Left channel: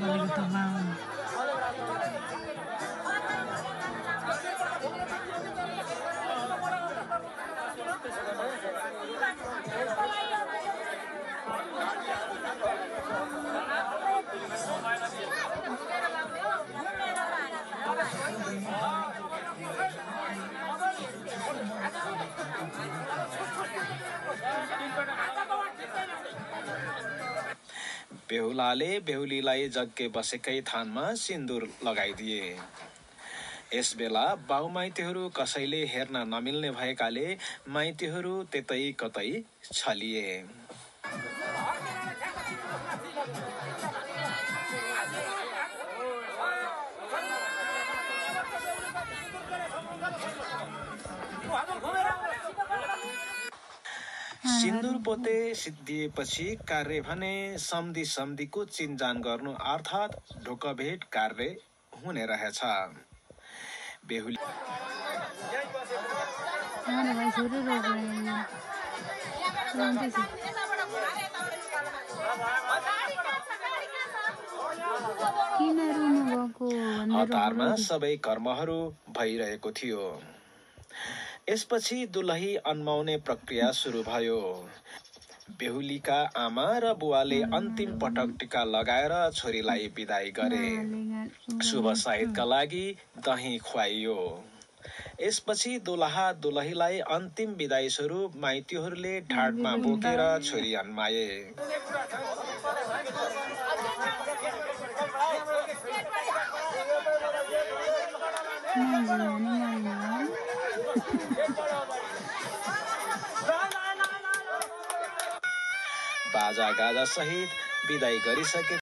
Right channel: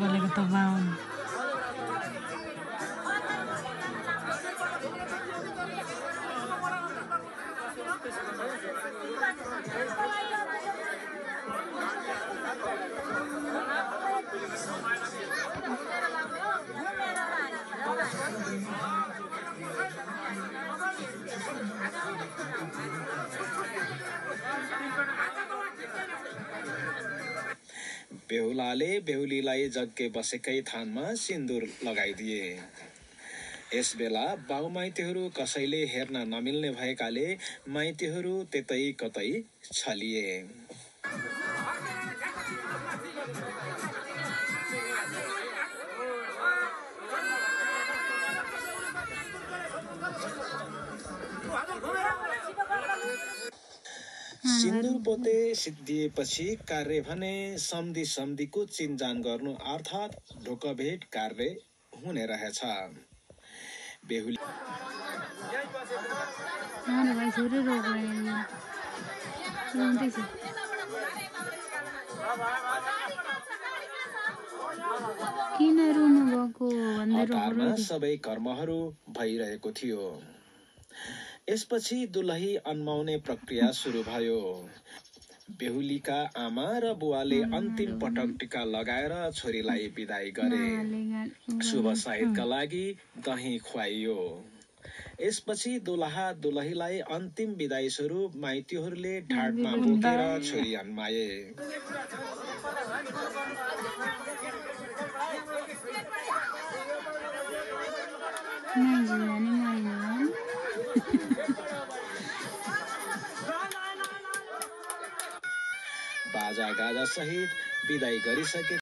बोलेको त बाहुन बेहुलाले बेहुलीलाई जग्गे बसेकै थानमा सिन्दुर लगाइदिए। यस बेला बाउ माइतीहरू कसैले हेर्न नमिल्ने भएकाले माइतीहरू त्यतै कतै छलिए। सिन्दुर पोते सिद्धिएपछि कार्य भने सम्धि सम्धिको चिन्जान गर्नु अर्थात् ढोकभेट कार्य हुने रहेछ। बेहुली हतारमा सबै कर्महरू भइरहेको थियो। यसपछि दुलही अन्माउने प्रक्रिया सुरु भयो। बेहुलीका आमा र बुवाले अन्तिम पटक टीका लगाएर छोरीलाई बिदाई गरे। शुभ साहितका लागि दही खुवाइयो। यसपछि दुलहा दुलहीलाई अन्तिम बिदाई स्वरूप माइतीहरूले ढाडमा बोकेर छोरी अन्माए। बाजा गाजा सहित बिदाई गरिसके